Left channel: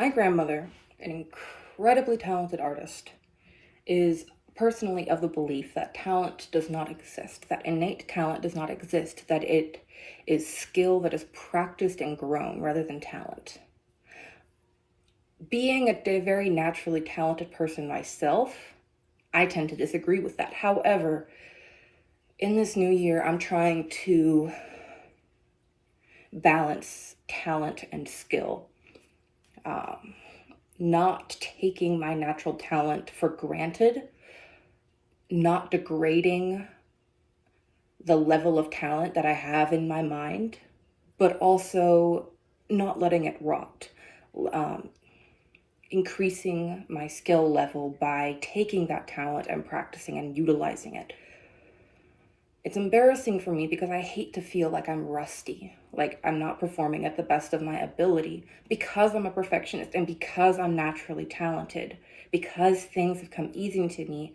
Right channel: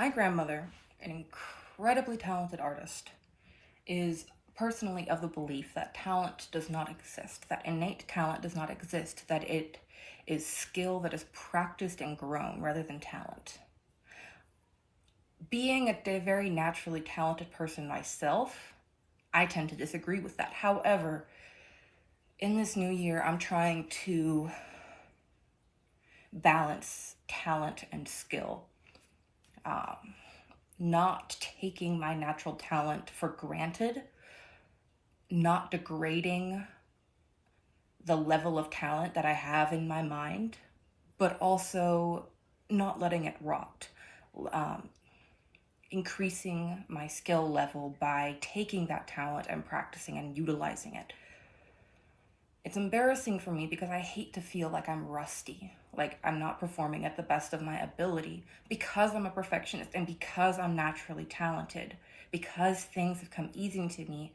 My grandmother, an incredibly talented artist, is personally of the belief that talent does not exist, that innate talent does not exist, that it is skill that is practiced and grown rather than talent. Being a very naturally talented person myself, I tend to disagree with that. However, in this new year, I'm trying to balance talent and skill. Not taking my natural talent for granted, not degrading the level of talent that I have in my mind, but also not letting it rot. Increasing my skill level by taking that talent and practicing and utilizing it. It's embarrassing for me because I hate to feel like I'm rusty, like I'm not performing at the best of my ability, because I'm a perfectionist and because I'm naturally talented, because things have come easy to me.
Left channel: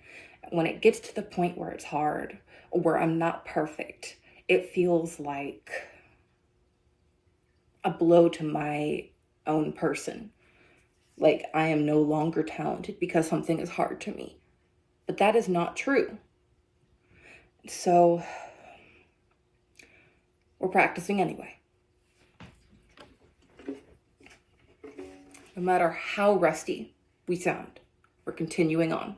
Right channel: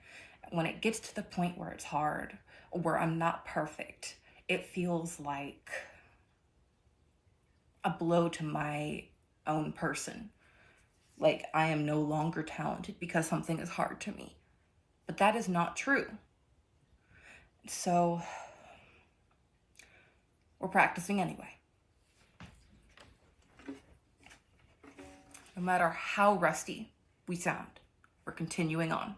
When it gets to the point where it's hard, or where I'm not perfect, it feels like a blow to my own person. Like I am no longer talented because something is hard to me. But that is not true. So we're practicing anyway. No matter how rusty we sound, we're continuing on.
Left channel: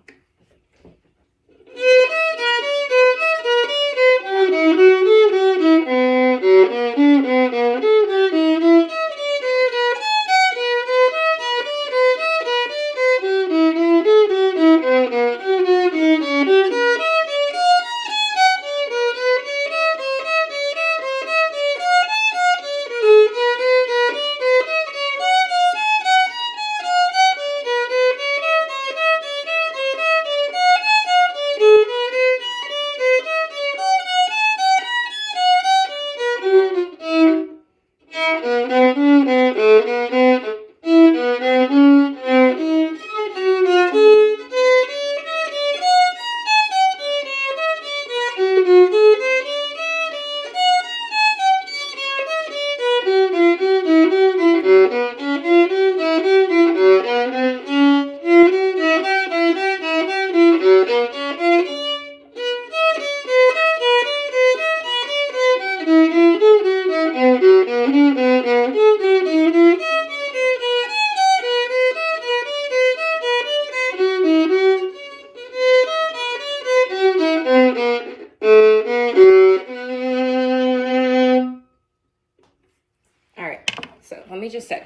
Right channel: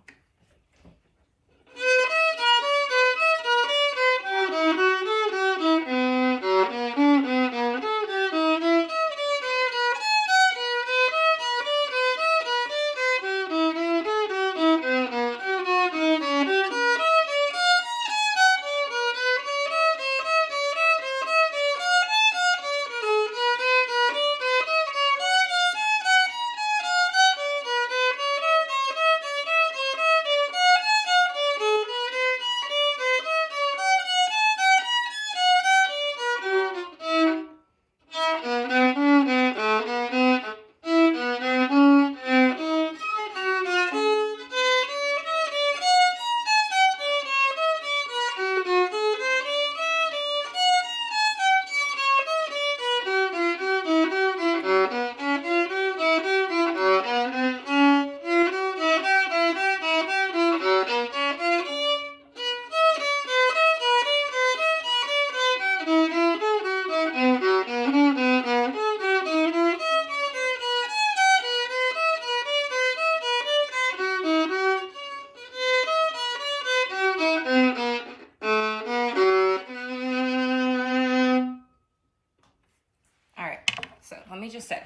Let me just say,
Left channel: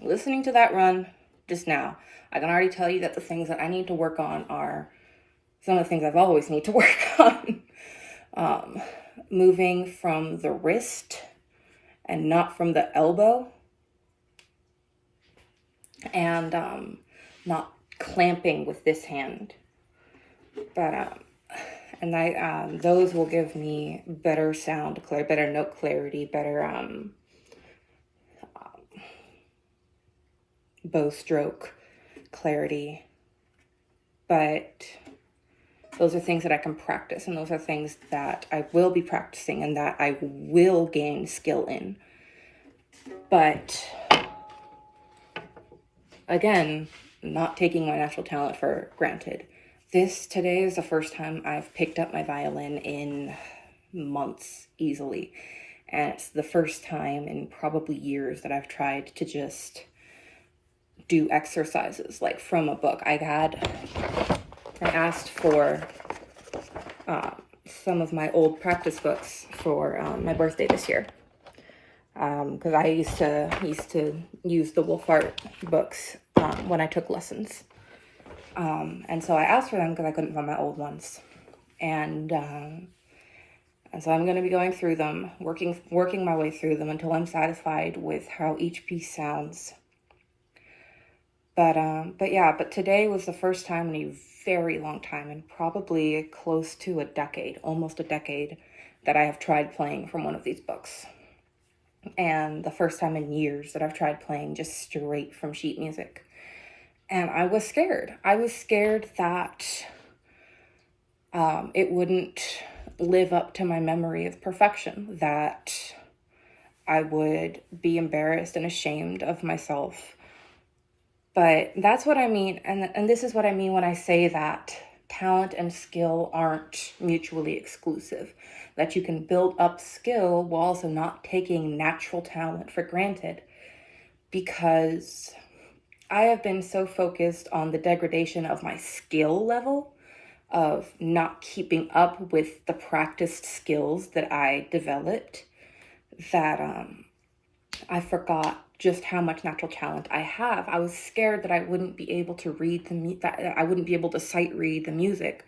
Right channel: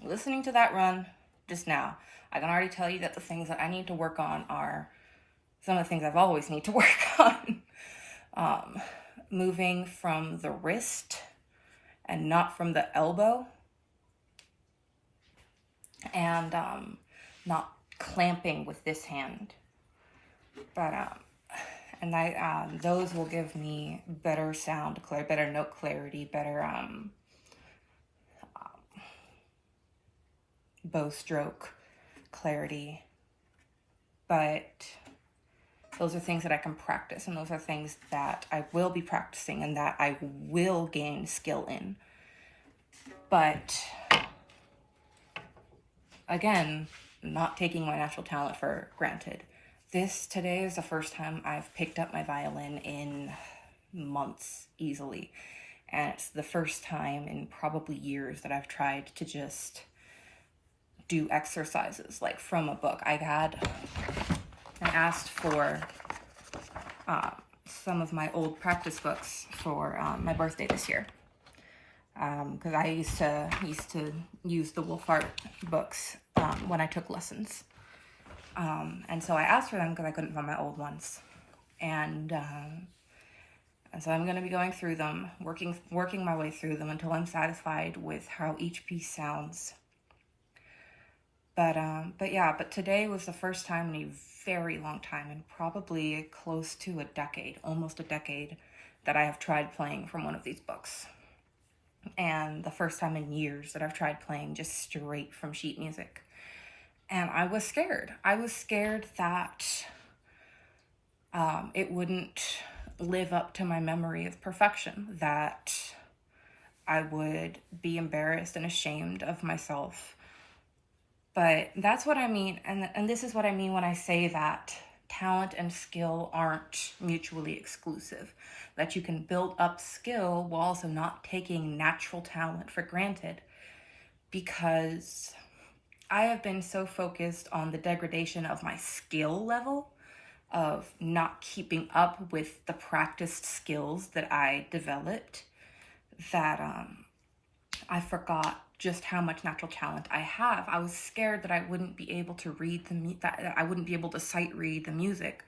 listening to that run just now, I can already tell you that the things that I need to work on are some of the things I've always need to work on. Moving from the wrist and not from the elbow, and not clamping with this hand. But those will give me better sound, better note clarity, better bow stroke clarity. But those are things that I can practice, and those are things that I will be practicing and that I will gain skill in. But again, not taking my natural talent for granted. Today is the first time I've picked up my violin in months easily. And it's the first time in probably years that I've tried to just do exercises like from a book. I asked for some of my old practice books for my birthday this year, because I used to use the Wolfart books when I took lessons, and so I asked for them because I couldn't find my old ones, and so I'm going to be going through them, working my way through them until I'm satisfied with how each piece sounds. But today was the first time in a very long time, and probably close to almost a decade, that I have tried playing from one of these books. And the first time in years that I've tried playing just straight from sheet music. And I was scared. I was scared that it wouldn't live up to my memory of perfection, that I would be embarrassed and ashamed of myself But that's what I mean. And this is what I mean when I say that talent and skill aren't mutually exclusive. That you can build up skill while also not taking natural talent for granted. Because I have been so focused on the degradation of my skill level, of not keeping up with the practiced skills that I developed, that I forgot just how much natural talent I have. I was scared that I wouldn't be able to read that I wouldn't be able to sight read the music,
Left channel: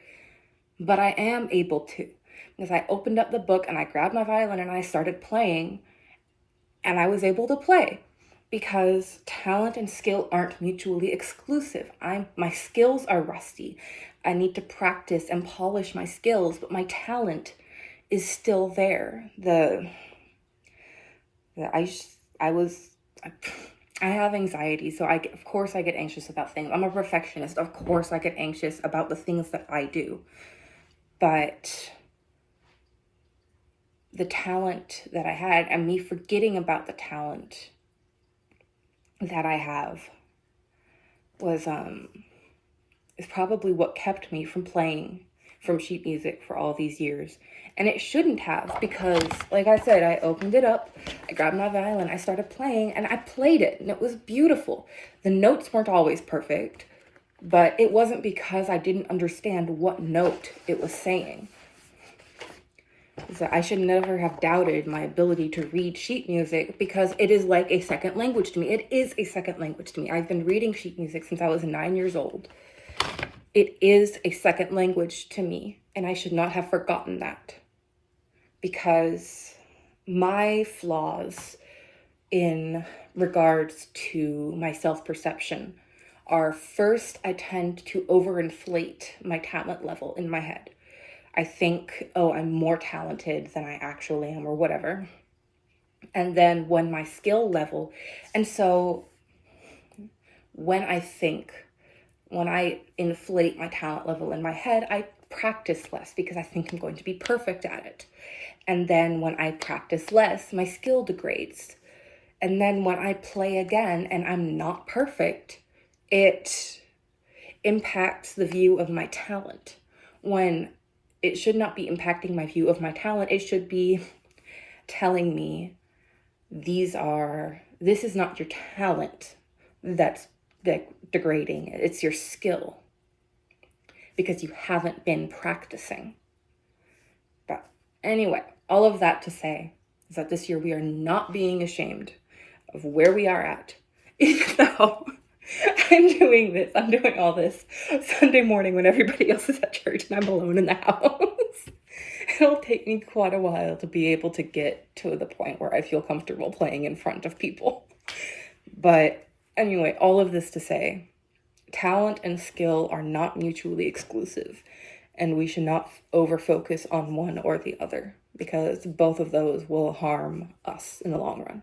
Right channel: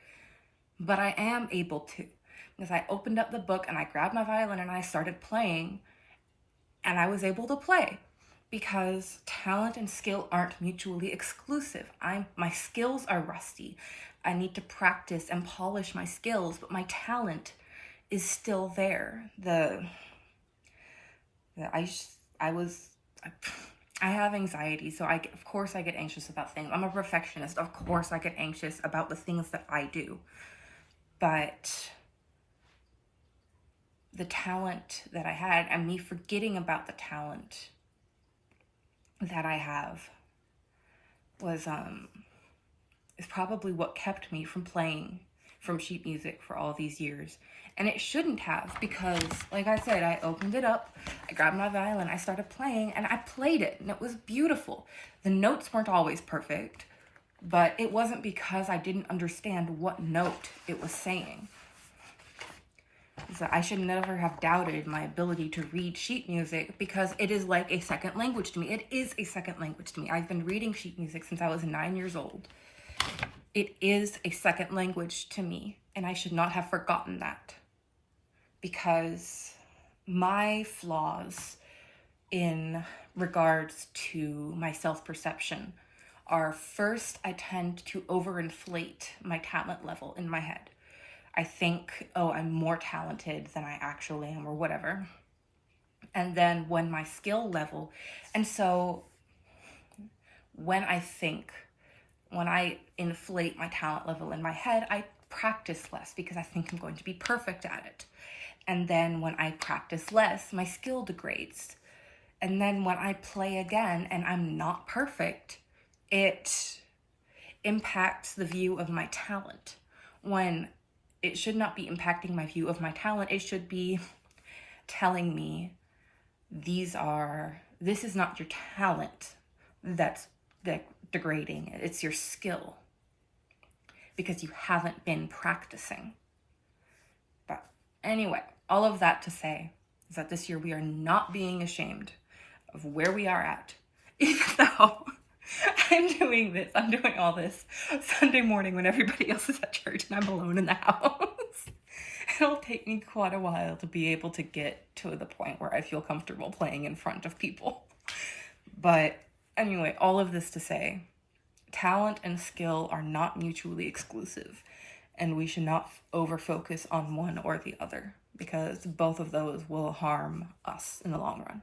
but I am able to, because I opened up the book and I grabbed my violin and I started playing, and I was able to play. Because talent and skill aren't mutually exclusive. My skills are rusty. I need to practice and polish my skills, but my talent is still there. I have anxiety, so of course I get anxious about things. I'm a perfectionist. Of course I get anxious about the things that I do. But the talent that I had, and me forgetting about the talent that I have, is probably what kept me from playing from sheet music for all these years. And it shouldn't have, because like I said, I opened it up, I grabbed my violin, I started playing, and I played it, and it was beautiful. The notes weren't always perfect, but it wasn't because I didn't understand what note it was saying. So I should never have doubted my ability to read sheet music, because it is like a second language to me. It is a second language to me. I've been reading sheet music since I was 9 years old. It is a second language to me, and I should not have forgotten that, because my flaws in regards to my self-perception are, first, I tend to overinflate my talent level in my head. I think, oh, I'm more talented than I actually am, or whatever. And then when my skill level, and so when I inflate my talent level in my head, I practice less because I think I'm going to be perfect at it. And then when I practice less, my skill degrades. And then when I play again and I'm not perfect, it impacts the view of my talent. When it should not be impacting my view of my talent, it should be telling me, this is not your talent that's degrading, it's your skill, because you haven't been practicing. But anyway, all of that to say is that this year we are not being ashamed of where we are at, even though I'm doing all this Sunday morning when everybody else is at church and I'm alone in the house. It'll take me quite a while to be able to get to the point where I feel comfortable playing in front of people. But anyway, all of this to say, talent and skill are not mutually exclusive, and we should not over-focus on one or the other, because both of those will harm us in the long run.